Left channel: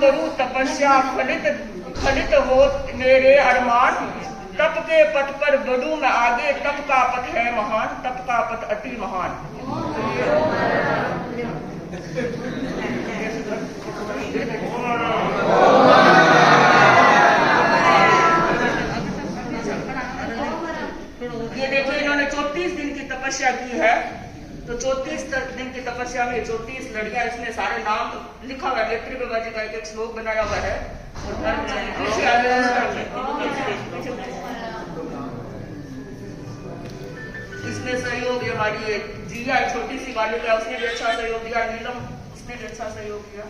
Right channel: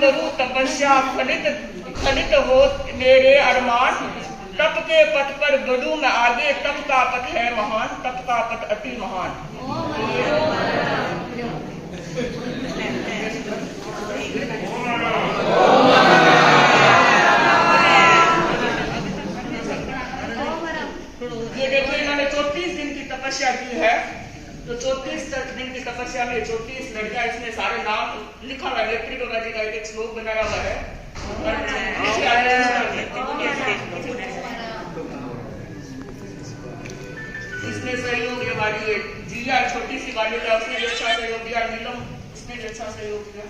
करूं तपस्या फलित हो मेरे अरमान। तप के पथ पर बढ़ूं मैं आगे, तप का पथ है महान, तप का पथ अति महान। ये देखो इन्होंने 34 दिन की तपस्या की है। तो 34 दिन की तपस्या में 34 लड़कियां, इसमें सारे नाम लिखा हुआ है। नेत्री बाबा जी का एक श्लोक बनाया हुआ है। इसने सहयोग दिया, हमारी ये जिया छोटी सी बालिका, उसने भी अच्छा सहयोग दिया। नीलम, उसने भी अच्छा सहयोग दिया।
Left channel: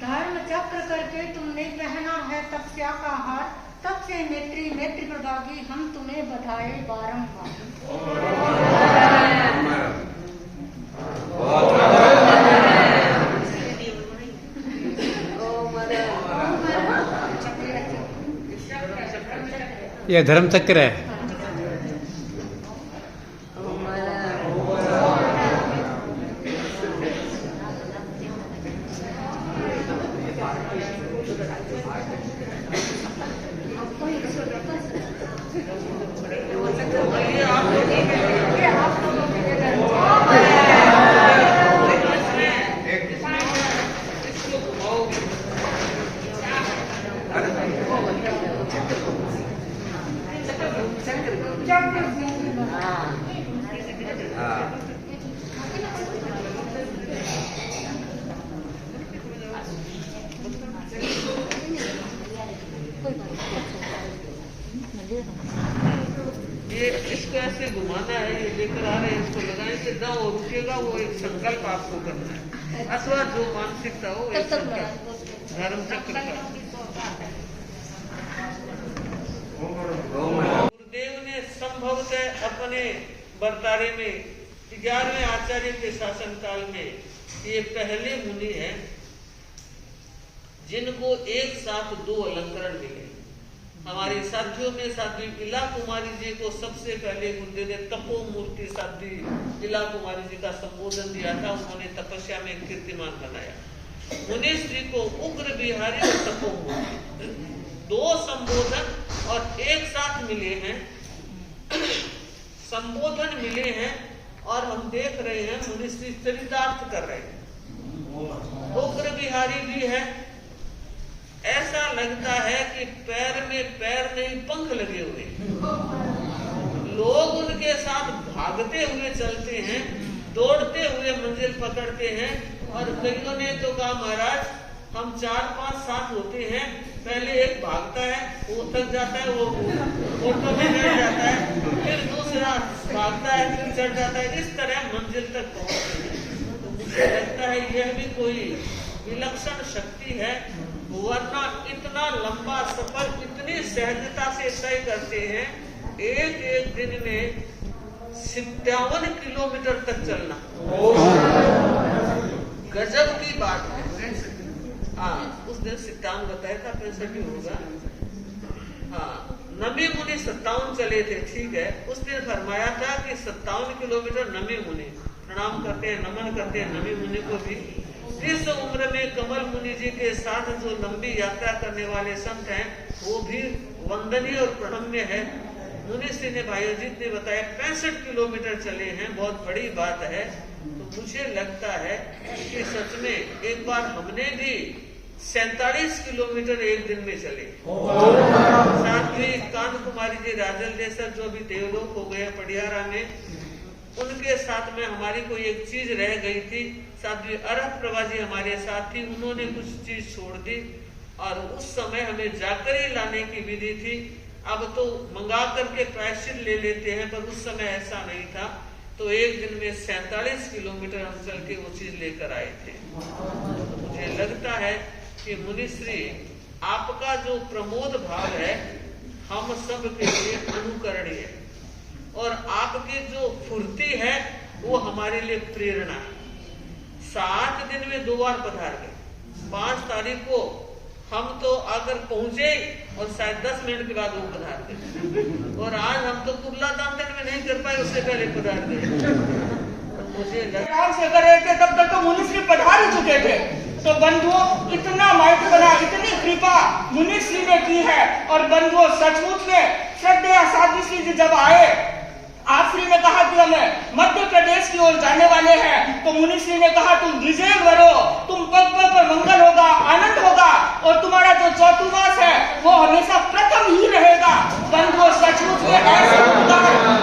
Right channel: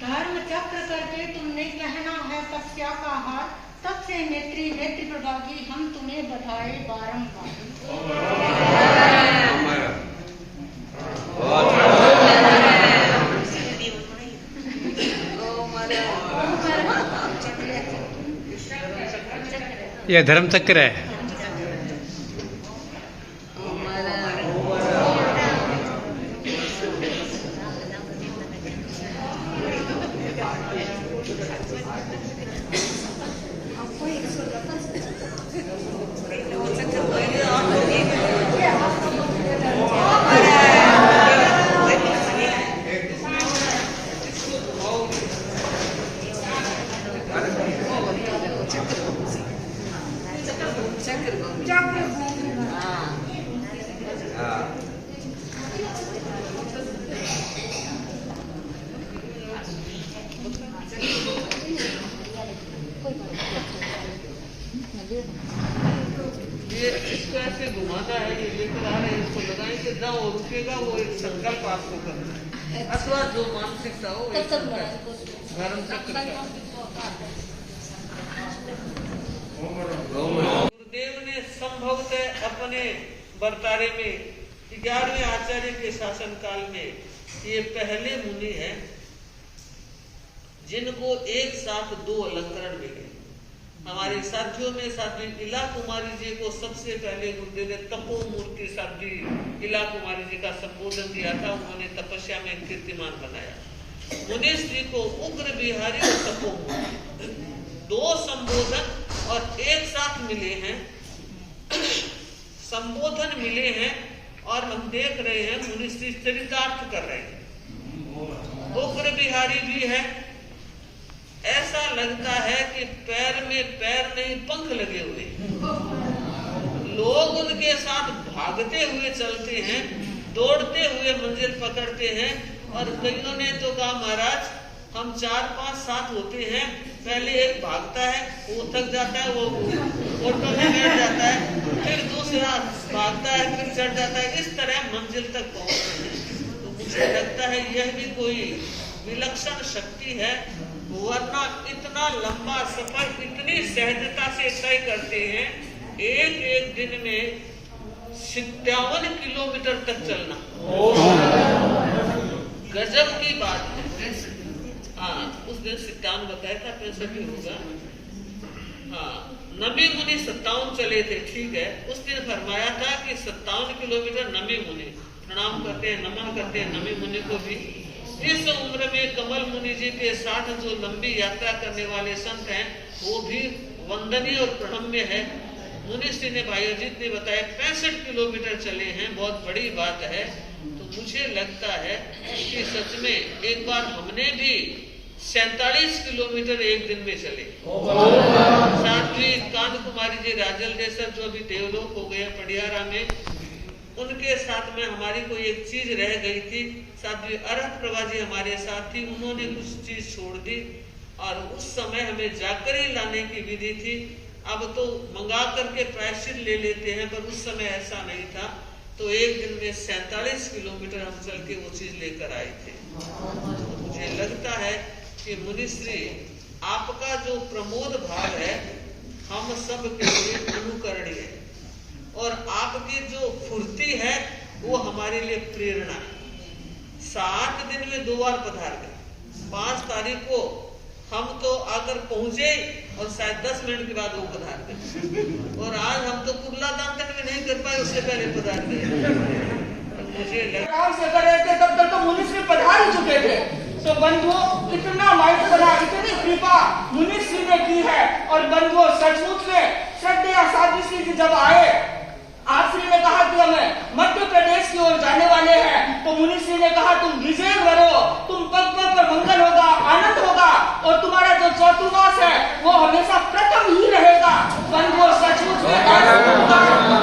धर्म चक्र करके तुमने पहना है तपस्या का हार। तब से नेत्री प्रभागी हम तुम्हें बधाए बारंबार। यह धर्म चक्र है। ये इसको ऐसे घुमाना है, ये लेकर आ रहे हैं, इसको लगाएंगे ना वो रुकेगा। वो एक संकल्प आपको करना है, अथवा जो मानसिकता हो एक संकल्प धर्म चक्र का। गुरुदेव ने संभवतः अपने बर्तारे में 11वें आचार्य के शासन काल में ये पहले मुनि हैं जिनको एक साथ 2 अलंकरण मिले। हमारे साथियों में साध्वी इला कुमारी जी को सबसे पहले गुरुदेव ने तपोमूर्ति साध्वी इला कुमारी जी का संबोधन दिया था। उन्होंने तपस्या में कीर्तिमान बनाया। मुनिश्री को उग्र बिहारी और तपोमूर्ति 2 संबोधन और एक साथ मिले हैं, संबोधन मिले हैं। और हम देख रहे हैं मुनिश्री चरितार्थ कर रहे हैं। उग्र बिहारी भी है, ऐसा लगता है कि पैर में पैर नहीं पंख लगे हुए। लोग उनके साथ भागते हुए चलते हैं, दौड़ते हुए मंजिल पकड़ते हैं। और कईयों ने तो कहा महाराज हम 4-5 साथ होते हैं, पहले एक भागता है, वो थक जाता है, वो ऑटो में बैठ जाता है, फिर दूसरा भागता है, फिर चढ़ जाता है, इस तरह मंजिल तक पहुंचते हैं। तो मुझे लगता है यह भी कोई विलक्षण शक्ति है, वरना इतना लंबा सफर इतनी सहजता से तय करते हैं। एक दिन में 57 किलोमीटर तक चलना गजब की बात है। हाँ, उस दिन 57 बताया था, 65 ही होगा। हाँ, नमी मुनि 57 चले थे, ठीक है। उस दिन फरमाया था कि 57 किलोमीटर नमी मुनि प्रणाम करते हैं, नमन करते हैं नमी मुनि को भी। इस उम्र में कमल मुनि जी के साथ जो लंबी यात्रा करने वाले संत हैं वो भी वंदनीय और प्रणम्य है। मुनिश्री ने भाईयोजित ने बताया 65 किलोमीटर चले हैं, बहुत बड़ी बात है। तो मुझे लगता है कि सच में एक बार हमने भी 47 किलोमीटर एक दिन में चले। साध्वी कांत कुमारी जी राजल देसर जो अभी देवलोक हो गए पडियारा में, उनके साथ में हमारी कोई एक चीज रह गई थी। साध्वी अरह प्रभा जी हमारे साथ थी, उन्होंने कुछ चीज छोड़ दी और उस समय हमें जाकर ही लाने की विधि थी। अब तो मंगा करके प्रायश्चित ले लेते हैं, पर उस समय ऐसा नहीं था। तो एक दिन में 47 किलोमीटर हम चल के वो चीज लेकर आए थे। तो मुझे लगता है कि मुनिश्री आपका जो प्रमोद भाव है हम सब के लिए अनुकरणीय है, और आपकी जो फुर्ती है वो हमारे लिए प्रेरणा है। 7 दिन में 2 बार पधार गए। 5 तारीख को हम तो आकर पहुंचे और शायद 10 मिनट के बाद वो पधार गए, और आज हम तो कुर्ला दामन में नहीं कर पाए, उससे पहले पधार गए। तो मुझे काम से कर रहे थे तब तक तो मुनिश्री पधार ही चुके थे। तो बंधुओं, इतना माइट बना, इतनी कृपा मुनिश्री ने की है। और बंधुओं, सचमुच में श्रद्धेय साध्वी श्री जी जब आए, आपश्री ने कहा कि हमें मध्य प्रदेश की ओर जाने वाले हैं, तो मुनिश्री ने कहा तुम विजय करो, तुम पग पग पर मंगल होगा, आनंद होगा, और तुम्हारा जो चौतुर्मास है वो हमेशा प्रथम ही रहेगा। बंधुओं, सचमुच में ऐसे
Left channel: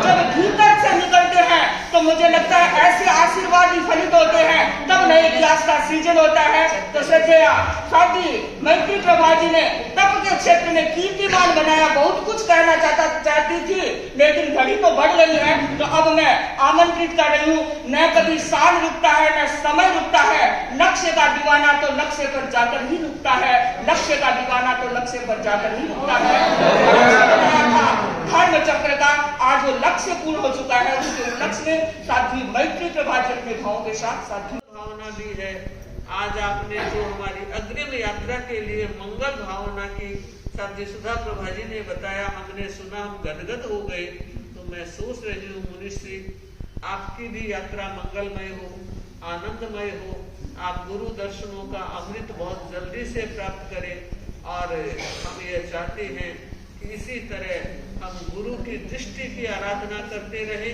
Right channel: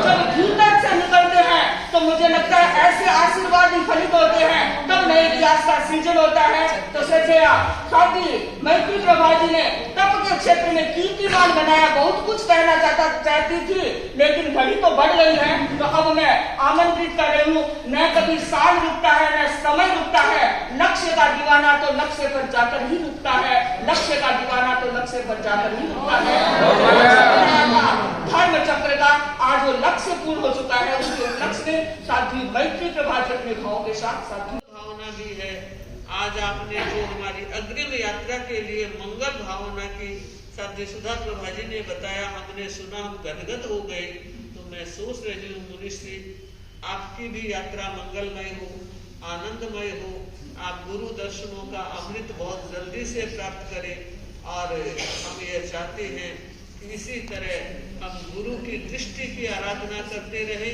जब भीतर से निकलते हैं तो मुझे लगता है ऐसे आशीर्वाद ही फलित होते हैं, तब नए इतिहास का सृजन होता है। तो श्रद्धेय साध्वी मैत्री प्रभा जी ने तप के क्षेत्र में कीर्तिमान बनाया, बहुत कुछ कहना चाहती थी, लेकिन घड़ी तो बढ़ गई है। तो अब मैं आमंत्रित कर रही हूँ, न कभी साल रुकता है न समय रुकता है, लक्ष्य का दीवाना तो लक्ष्य पर जाकर ही रुकता है, लक्ष्य का दीवाना तो लक्ष्य पर जाकर ही रुकता है। धर्म चक्र का आज वो लक्ष्य पूर्ण हो चुका है, उसके लक्ष्य में साध्वी मैत्री प्रभा जी अपने भावों के साथ साध्वी भावना भी है। आज आपने जो हमारी अग्रिम यात्रा के लिए मंगल भावना की साध्वी सुधा प्रभा जी ने बताया, हमने सुना, हम गदगद हो गए। तो मैं सोच रही हूँ मुनिश्री, आपकी भी यात्रा मंगलमय हो, आनंदमय हो, आप गुरु दर्शनों का अमृत बहुत जल्दी से प्राप्त करें। और हम ये चाहते हैं कि इसी तरह हम गुरु की दृष्टि की आराधना करते रहें,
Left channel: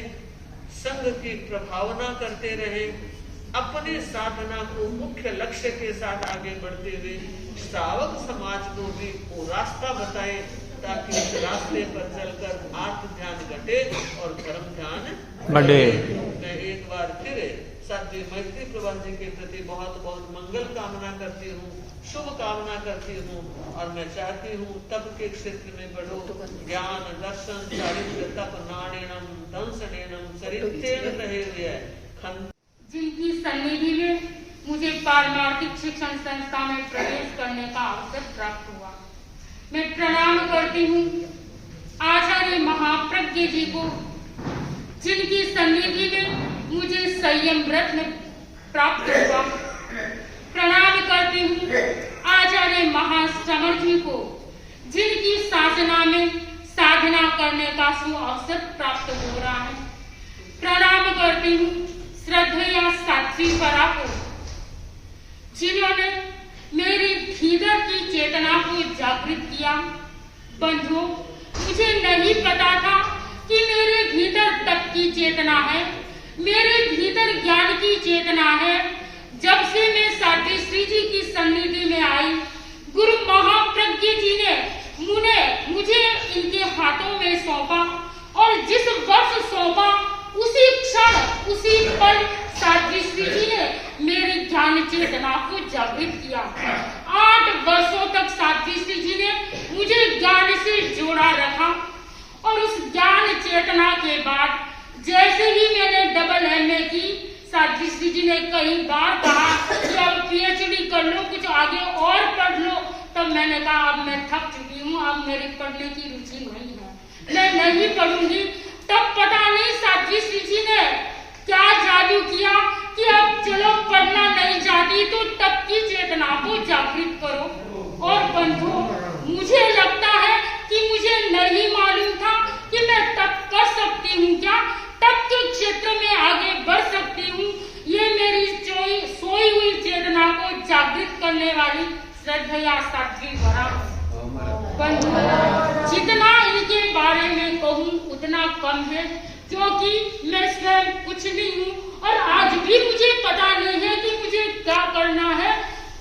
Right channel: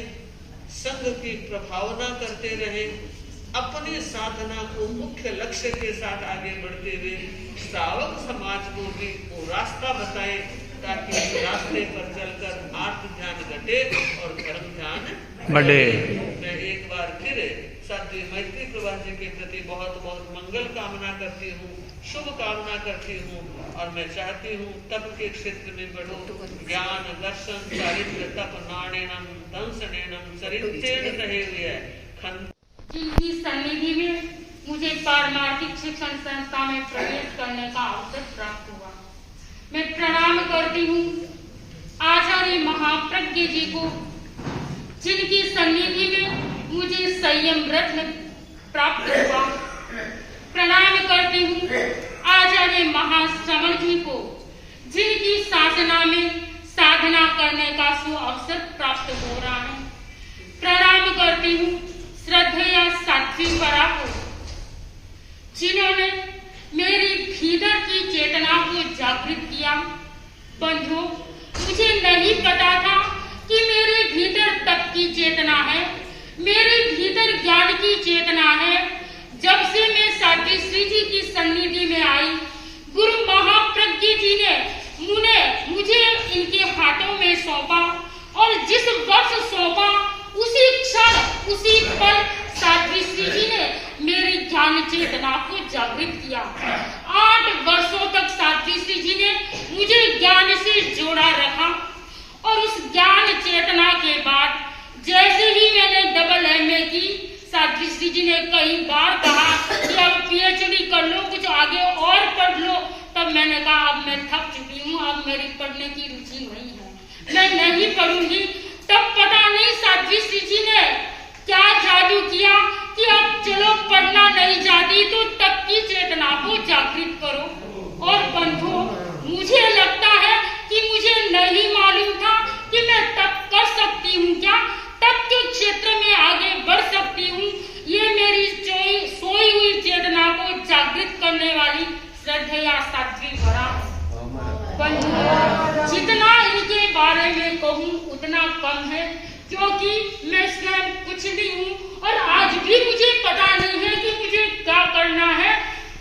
संघ की प्रभावना करते रहें, अपनी साधना को मुख्य लक्ष्य के साथ आगे बढ़ते हुए श्रावक समाज को भी वो रास्ता बताएं, ताकि इस रास्ते पर चलकर आत्म ध्यान घटे और धर्म ध्यान बढ़े। मैं एक बार फिर साध्वी मैत्री प्रभा जी के प्रति बहुत बहुत मंगल कामना करती हूँ, शुभ कामना करती हूँ, और मैं चाहती हूँ तप के क्षेत्र में बढ़ो, ज्ञान दर्शन चारित्र तप नाणेनम दंसनेनम चरित्रेण कहे हुए जिनकी सन्निधि में मुझे पारमार्थिक शिक्षण संस्था में प्रवेश करने का अवसर प्राप्त हुआ, मैं प्रणाम करती हूँ आचार्य महाप्रज्ञ जी को, जिनकी सन्निधि में मुझे संयम रत्न प्राप्त हुआ। प्रणाम करती हूँ आचार्य महाश्रमण जी को, जिनकी साधना में साधना करने का सुअवसर प्राप्त हो रहा है। प्रणाम करती हूँ श्रद्धेय साध्वी परा को, जिन्होंने मेरी भीतर की चेतना को जागृत किया। बंधुओं, मुझे नहीं पता था कि मेरे भीतर तप की चेतना है, मेरे भीतर ज्ञान की चेतना है। जब से मैं साध्वी श्री जी की सन्निधि में आई, गुरु महाप्रज्ञ जी ने मुझे इनके हाथों में सौंपा, और जिस वर्ष सौंपा उसी क्षण उसी पल साध्वी श्री जी ने मेरी ज्ञान चेतना को जागृत किया। 8 वर्षों तक साध्वी श्री जी ने मुझे ज्ञान से जोड़ा रखा, और उस ज्ञान चेतना के बाद जैसे ही मैंने डबल MA की, साध्वी श्री जी ने कई बार कहा कि अब PhD कर लो, कुछ आगे और पढ़ लो। तब मैंने कहा अब मैं थक चुकी हूँ, अब मेरी पढ़ने की रुचि नहीं है, मैं नहीं पढ़ूंगी। तब पता नहीं साध्वी श्री जी ने क्या जादू किया कि अब चलो पढ़ना नहीं चाहती तो तप की चेतना को जागृत करो। और बंधुओं, मुझे लगता है कि मुझे नहीं मालूम था कि मैं तप कर सकती हूँ, क्या तप के क्षेत्र में आगे बढ़ सकती हूँ। ये मेरी सोई हुई चेतना को जागृत करने वाली श्रद्धेय साध्वी परा। बंधुओं, जितना इनके बारे में कहूँ उतना कम है, क्योंकि मैं स्वयं कुछ नहीं हूँ, और आज भी मुझे पता नहीं है कि मुझे क्या करना है,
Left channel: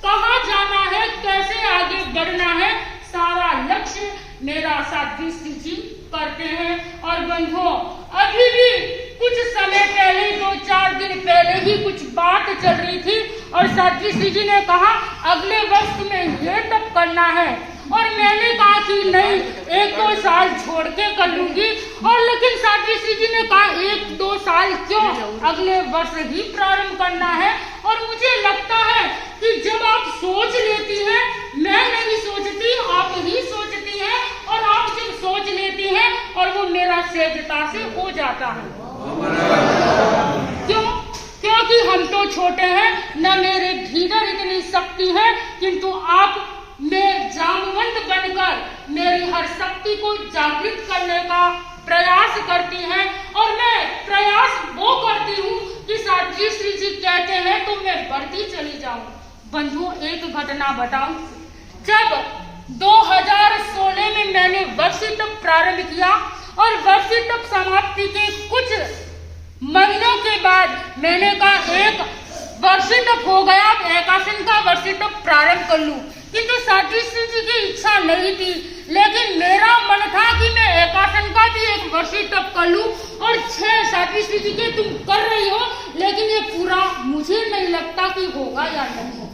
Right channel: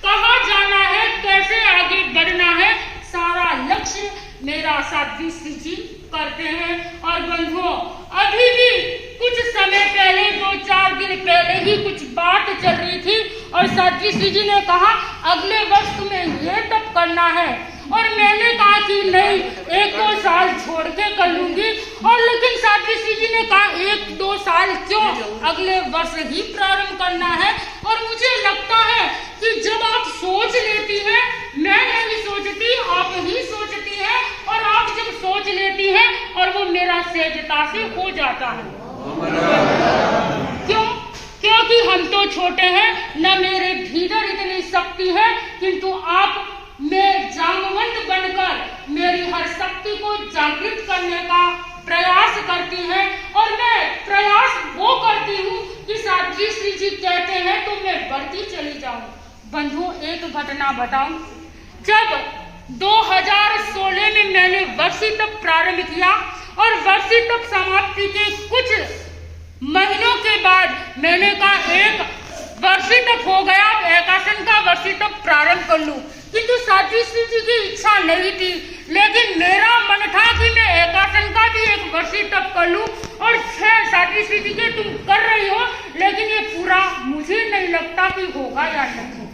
कहाँ जाना है, कैसे आगे बढ़ना है। सारा लक्ष्य मेरा साध्वी श्री जी करते हैं। और बंधुओं, अभी भी कुछ समय पहले, 2-4 दिन पहले ही कुछ बात चल रही थी, और साध्वी श्री जी ने कहा अगले वर्ष तुम्हें ये तप करना है, और मैंने कहा कि नहीं, 1-2 साल छोड़ के कर लूंगी। और लेकिन साध्वी श्री जी ने कहा 1-2 साल क्यों, अगले वर्ष ही प्रारंभ करना है। और मुझे लगता है कि जब आप सोच लेती हैं, मैं नहीं सोचती, आप ही सोचती हैं, और आप जब सोच लेती हैं और वो मेरा सहजता से हो जाता है। क्यों? क्योंकि हम तो छोटे हैं, न मेरे भीतर इतनी शक्ति है, किंतु आप मैं जामवंत बनकर मेरी हर शक्ति को जागृत करने का प्रयास करती हैं, और मैं प्रयास वो करती हूँ कि साध्वी श्री जी कहते हैं तो मैं बढ़ती चली जाऊं। बंधुओं, एक घटना बताऊं। जब 2016 में मैंने वर्षी तप प्रारंभ किया और वर्षी तप समाप्ति के कुछ महीनों के बाद मैंने कहा एक वर्षी तप हो गया, अब एकासन का वर्षी तप प्रारंभ कर लूं। किंतु साध्वी श्री जी की इच्छा नहीं थी, लेकिन मेरा मन था कि मैं एकासन का भी एक वर्षी तप कर लूं। और 6 साध्वी श्री जी के तुम कर रही हो, लेकिन ये पूरा मुझे नहीं लगता कि होगा या नहीं।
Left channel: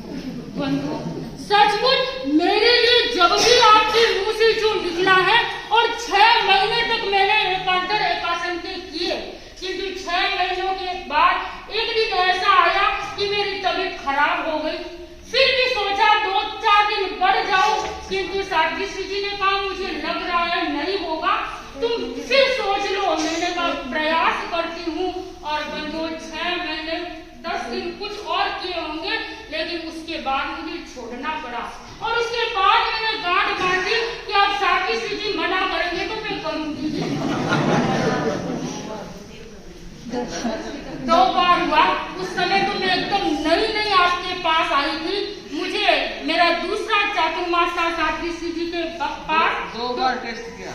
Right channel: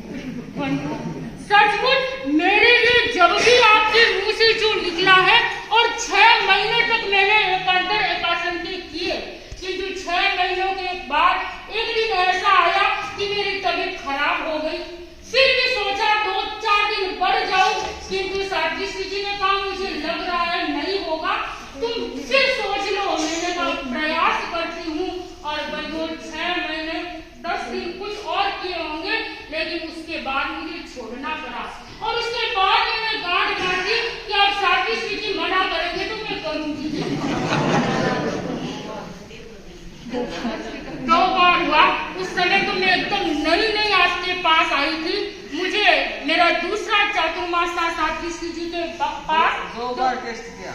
सचमुच मेरे लिए जब भी आपके मुंह से जो निकला है, और 6 महीने तक मैंने एकांतर एकासन के किए, किंतु 6 महीनों के बाद एक दिन ऐसा आया कि मेरी तबीयत खराब हो गई। फिर भी सोचा 2-4 दिन बढ़ जाऊं, किंतु साध्वी श्री जी ने कहा मुझे लग रहा है नहीं होगा, तुम फिर सोच लो। मैंने कहा प्रयास करती हूँ, और बंधुओं 6 महीने 10 दिन कुछ और किए होंगे, लेकिन उसके बाद मुझे छोड़ना पड़ा। और उसके बाद मैंने गांठ बांध दी कि अब साध्वी श्री जी मना करेंगे तो मैं करूंगी। 2 बार हुआ। उस समय तो मैं एकदम नई आपके पास आई थी। मुझे मेरा दूसरा चातुर्मास था साध्वी श्री जी के पास। 2 बार टेस्ट किया।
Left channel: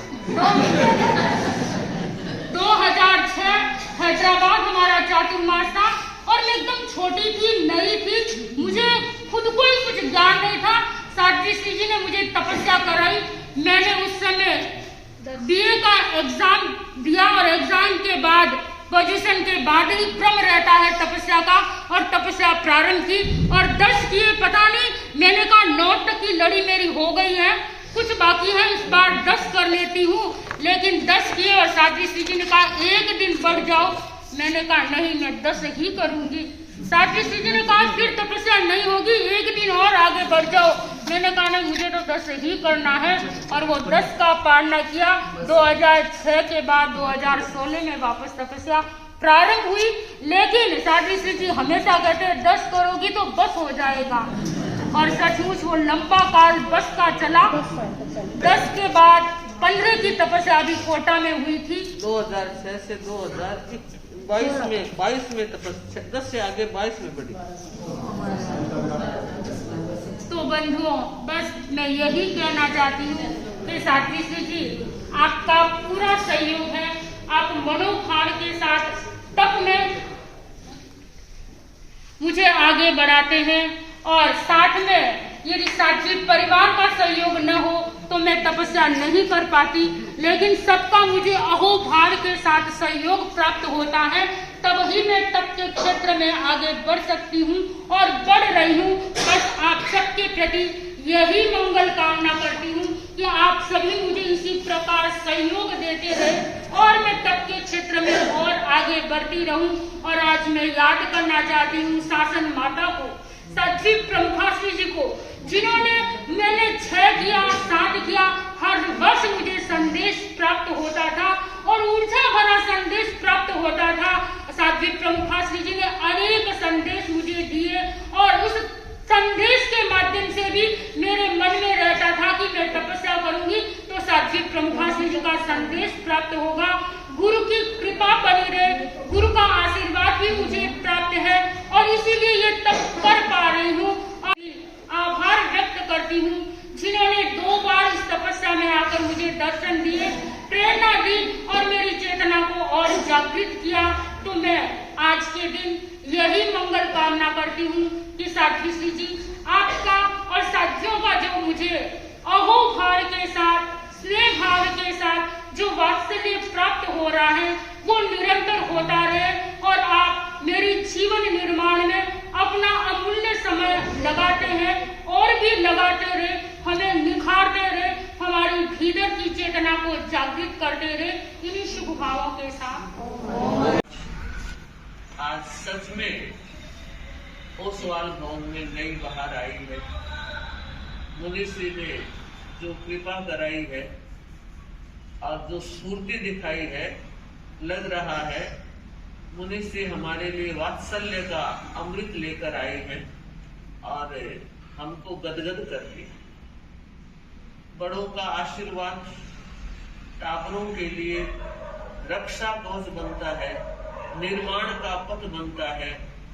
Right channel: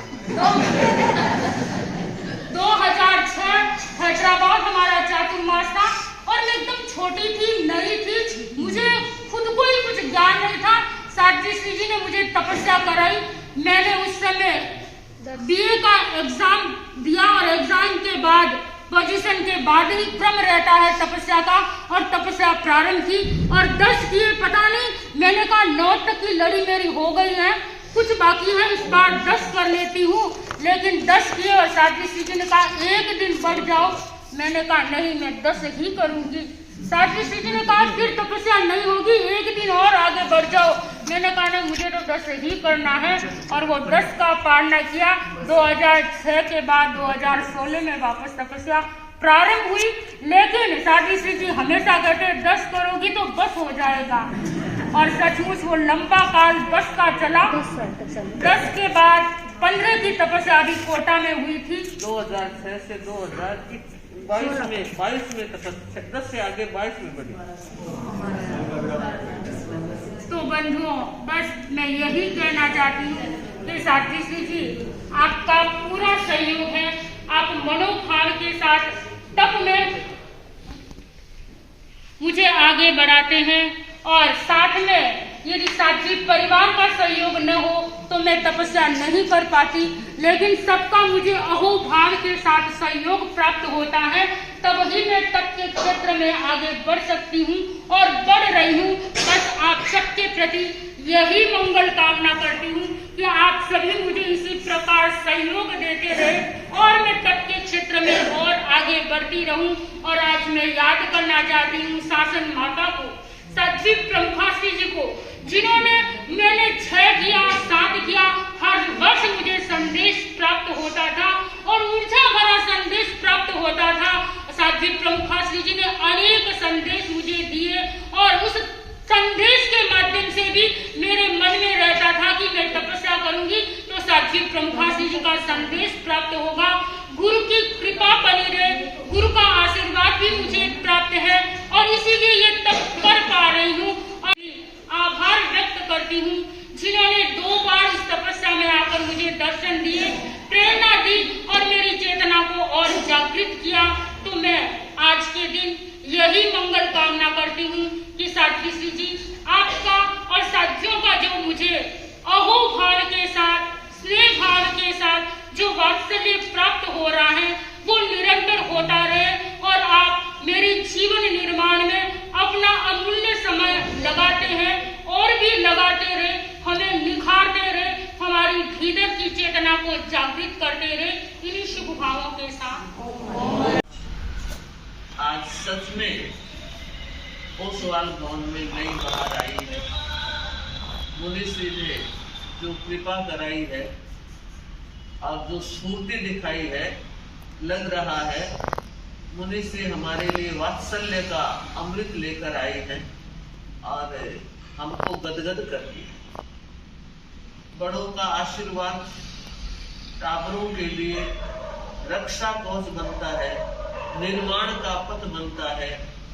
2006 हैदराबाद हमारा चातुर्मास था, और मैं एकदम छोटी थी, नई थी, मुझे खुद को ही कुछ ज्ञान नहीं था। साध्वी श्री जी ने मुझे तपस्या कराई। मैंने उस समय बीए का एग्जाम दिया, और एग्जाम के बाद पोजीशन के बाद ही क्रम रहता है तपस्या का, और तपस्या प्रारंभ की, और 10 किए। पता नहीं, मैंने कहा 9 तक की लड़ी मेरी हो गई है, कुछ बाकी है, इस बार 10 कर लेती हूँ। लेकिन 10 किए, और साध्वी श्री जी ने कहा 1 दिन बढ़ जाओ। मैंने कहा नहीं, मैं 10 ही करूंगी। साध्वी श्री जी ने कहा फिर तपस्या नहीं होगी, 1 दिन और आगे बढ़ जाओ। मैंने कहा नहीं, मुझे तो 10 ही करना है, और वो 10 का पालना किया। 2006 के बाद 2016 में वापस तपस्या प्रारंभ हुई। लेकिन साध्वी श्री जी हमेशा कहते 10 करोगी तो बस हो जाएगा, और सचमुच वो लंबा काल बस का चला। 10 के बाद 15 की तपस्या अभी कोटा में हुई थी। 2006 से 2022 में तपस्या 10 से आगे 22 में बढ़ी। तो बंधुओं, बस मैं यही कहना चाहती हूँ कि साध्वी श्री जी आपका पूरा सहयोग है। आप मनोभाव के साथ तप में मुझे आगे बढ़ाते हैं, और साथ में यदि साध्वी परिवार का सहयोग न हो तो मैं तपस्या नहीं कर पाती। लेकिन सबका मुझे अहोभाव के साथ सहयोग प्राप्त होता है, तब ही मैं तप के क्षेत्र में आगे बढ़ सकती हूँ, और बढ़ रही हूँ। बस आप सबके प्रति यही मंगल कामना करती हूँ कि आप सभी मुझे इसी प्रकार सहयोग देते रहे, और मैं तप के क्षेत्र में और आगे बढ़ती रहूं। और आज मैं याद करना चाहती हूँ शासन माता को, साध्वी प्रमुखा श्री जी को, जिन्होंने मैंने 6 किया, 7 किया, हर वर्ष मुझे संदेश प्राप्त होता था, और ऊर्जा भरा संदेश प्राप्त होता था। साध्वी प्रमुखा श्री जी ने अनेक संदेश मुझे दिए, और उस संदेश के माध्यम से भी मेरे मन में रहता था कि मैं तपस्या करूंगी तो साध्वी प्रमुखा श्री जी का संदेश प्राप्त होगा। गुरु की कृपा बनी रहे, गुरु का आशीर्वाद भी मुझे प्राप्त है, और इसीलिए ये तप कर पा रही हूँ। आभार व्यक्त करती हूँ जिन्होंने 2 बार इस तपस्या में आकर मुझे दर्शन दिए, प्रेरणा दी, और मेरी चेतना को और जागृत किया। तो मैं आज के दिन यही मंगल कामना करती हूँ कि साध्वी श्री जी आपका और साथियों का जो मुझे अहोभाव के साथ, स्नेह भाव के साथ जो वात्सल्य प्राप्त हो रहा है वो निरंतर होता रहे, और आप मेरी जीवन निर्माण में अपना अमूल्य समय लगाते हैं, और भी लगाते रहे, हमें निखारते रहे, हमारी भीतर की चेतना को जागृत करते रहे। इन्हीं शुभ भावों के साथ आज सच में ओसवाल भवन में नई बहार आई है। मुनिश्री ने जो कृपा कराई है और जो स्फूर्ति दिखाई है, लग रहा है मुनिश्री हमारे लिए वात्सल्य का अमृत लेकर आई है, और हमको गदगद कर दिया। बड़ों का आशीर्वाद टाबरों के लिए रक्षा कवच बनता है, निर्माण का पथ बनता है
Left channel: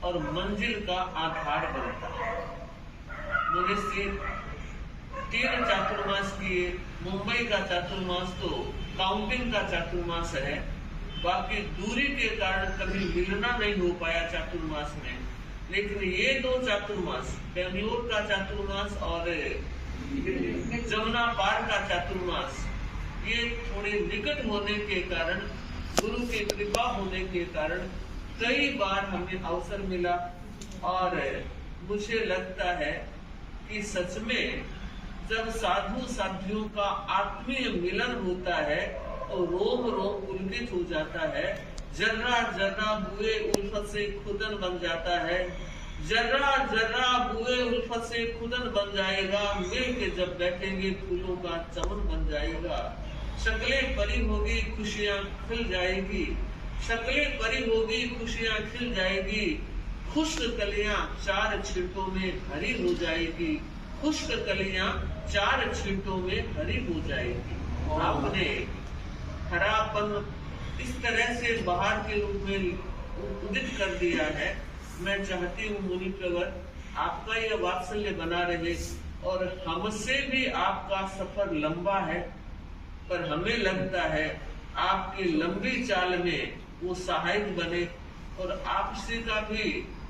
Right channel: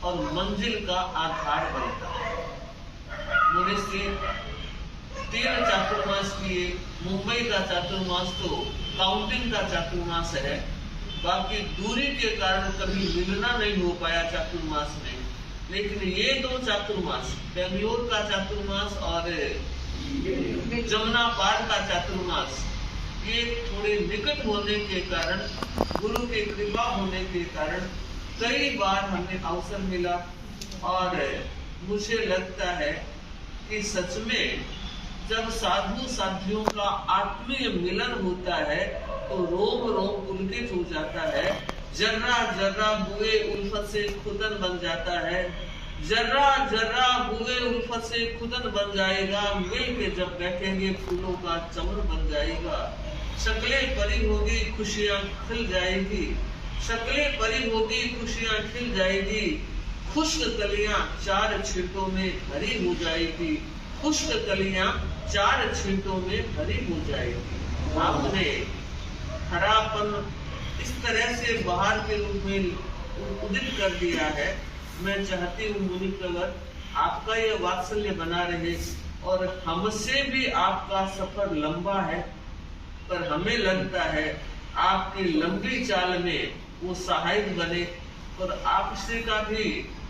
और मंजिल का आधार बनता है। मुनिश्री 3 चातुर्मास किए। मुंबई का चातुर्मास तो काउंटिंग का चातुर्मास है, बाकी दूरी के कारण कभी मिलना नहीं हो पाया चातुर्मास में। लेकिन ये 2 चातुर्मास, बेंगलोर का चातुर्मास और जमुना पार का चातुर्मास, ये थोड़े निकट होने के कारण, गुरु की कृपा होने के कारण कई बार हमें अवसर मिला। और मुझे लगता है कि सच में जब साधु साधियों का आत्मीय मिलन होता है तो रोम रोम पुलकित हो जाता है। जर्रा जर्रा बुए उल्फत से खुदन बन जाता है। जर्रा जर्रा बुए उल्फत से खुदन बन जाएगा। मिल के जब बैठेंगे फूलों का चमन बन जाएगा। शक्लें परी होगी खुशियां खिल जाएगी। शक्लें परी होगी खुशियां खिल जाएगी। खुश्क कलियां 4 छींटों में हरी हो जाएगी। खुश्क कलियां 4 छींटों में हरी हो जाएगी। आपने हरापन इस तरह से बाहर के रूप में उदित कर दिया है। मैं चाहती हूँ मुनि प्रवर, आपका यह वात्सल्य बना रहे और हमसे भी आपका सफर लंबा है, पर हमें लगता है आपकी लंबी चाल में वो सहायक बने और आपसे का भी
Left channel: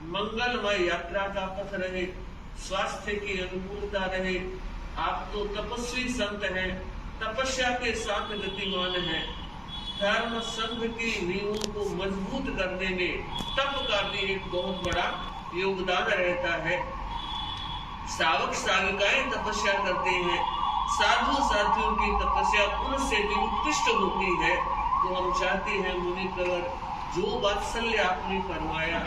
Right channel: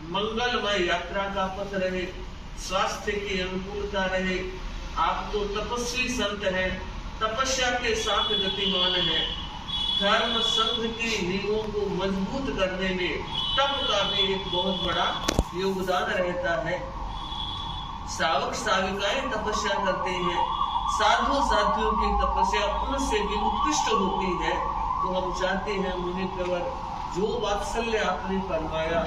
मंगलमय यात्रा का पथ रहे, स्वास्थ्य की अनुकूलता रहे। आप तो तपस्वी संत हैं, तपस्या के साथ गतिमान हैं। धर्म संघ की नींवों को मजबूत करने में तप का भी एक बहुत बड़ा योगदान रहता है। सावक साविकाएं तपस्या करते हैं, साधु साधियों की तपस्या उनसे भी उत्कृष्ट होती है। तो हम चाहते हैं मुनि प्रवर, जो वात्सल्य आपने फरमाया,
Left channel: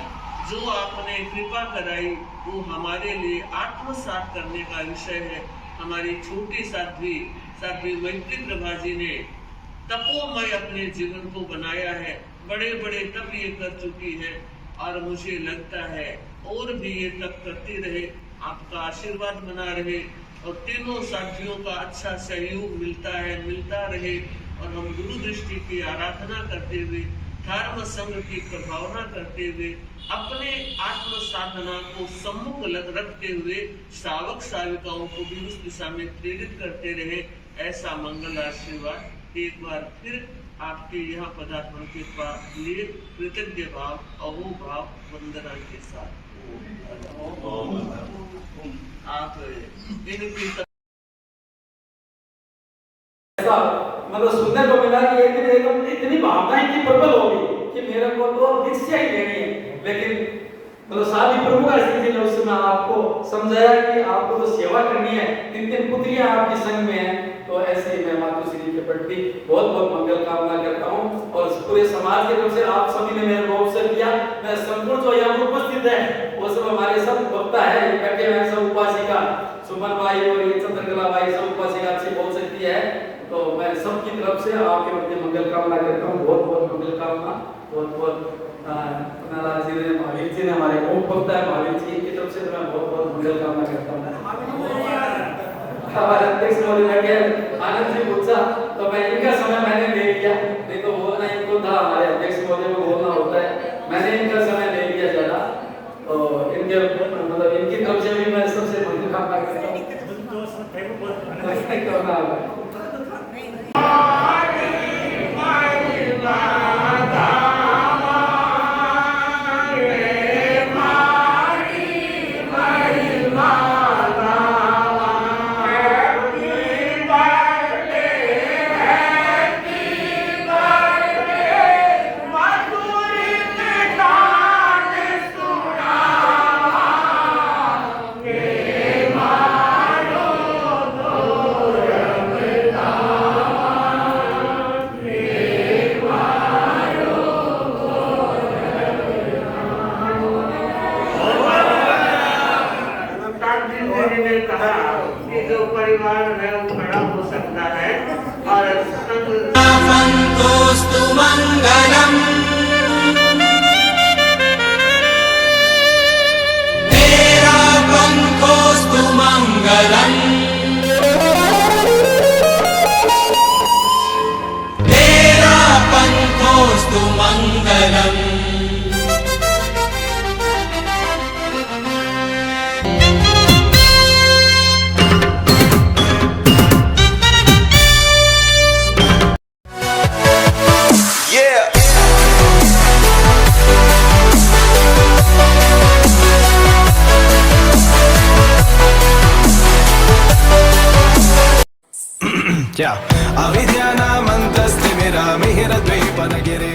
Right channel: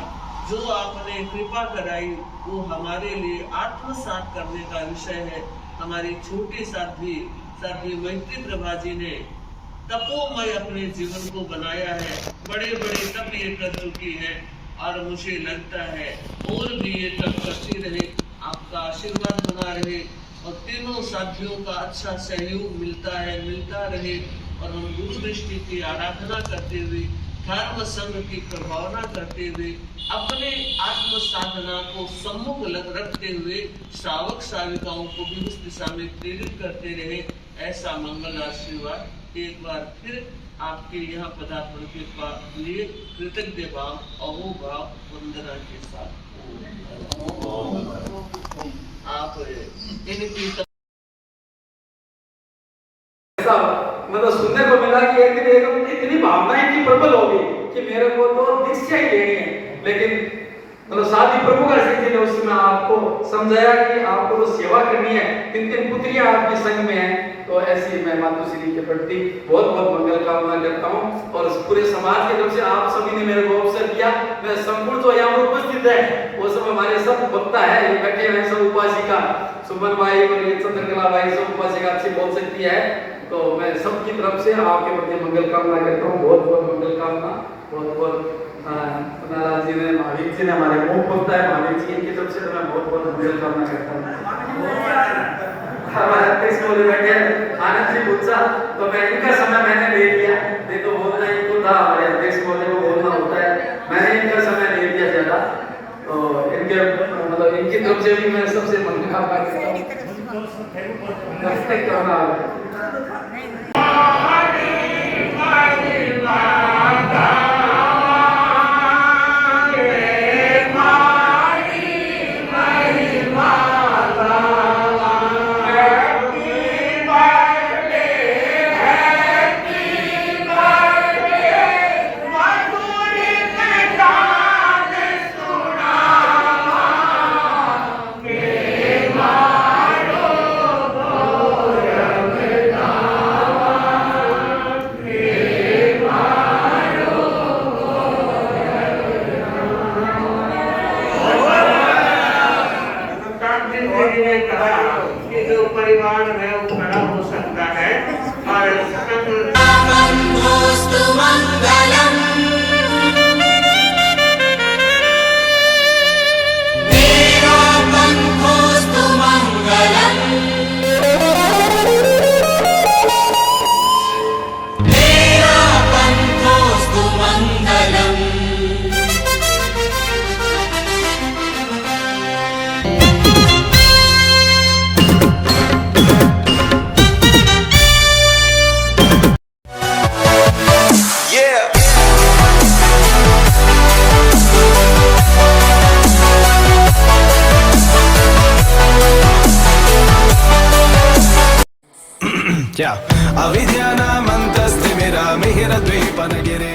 जो आपने कृपा कराई, वो हमारे लिए आत्मसात करने का विषय है। हमारी छोटी साध्वी मैत्री प्रभा जी ने तपोमय अपने जीवन को बनाया है। बड़े बड़े तप ये कर चुकी है और मुझे लगता है और भी ये तप करती रहे, आपका आशीर्वाद बना रहे और तीनों साथियों का अच्छा सहयोग मिलता रहे। और हम गुरु दृष्टि की आराधना करते हुए, धर्म संघ की प्रभावना करते हुए, अपने आत्म साधना को सम्मुख रखते हुए श्रावक श्राविकाओं को भी उस दिशा में प्रेरित करते रहे। ऐसा मंगल आशीर्वाद एक बार फिर आपके यहाँ पदार्पण के लिए कृतज्ञ भाव अहो भाव वंदना के साथ आप इनकी मतलब सुनने को मिला कि एक दिन एकदम इतनी भावनाएं की प्रबल हो गई कि मेरे को तो दीक्षा ही लेनी है। लेकिन मतलब शादी प्रमुख जी ने उस समय आपको समझाया कि आपको तो सेवा करनी है, 3 पुत्रियां आपके संग में हैं। तो ऐसी मैं मातुश्री के प्रति बहुत बहुत मंगल कामना करता हूँ और पूरे समाज की तरफ से आप सभी ने मेरे को अवसर दिया। मैं संपूर्ण जो यहाँ उपस्थित है वो सब हमारे सब वक्ता है, बैठे हैं सब उपासिका, सुमन भाई और चंद्रकला भाई सब उपासिका अच्छी बोल सकती है। तो मैं सबकी तरफ से आपके प्रति मंगल कामना करता हूँ, बहुत बहुत मंगल कामना। बहुत बहुत नाराज जी ने, महावीर जी ने, हमारे मुख बोलता है महावीर जी की तरफ से मैं बहुत बहुत मंगल कामना करता हूँ। हमारे अध्यक्ष महोदय बैठे आनंद जी पूछा तो मैं इनका समय मैंने ले लिया, नहीं तो बोलना इनको था, हमारे अध्यक्ष महोदय को बोलना होता है, मैंने इनका समय ले लिया ज्यादा। तो इनके मतलब इनकी तरफ से भी मैं सबसे मंगल कामना करता हूँ। परिवार है वो बड़ा हो सकता है और मंगलम मेरा पंखोस्तु मंगलम अविद्यानामन्तस्तिमिरमिहिरद्वीपनगिरे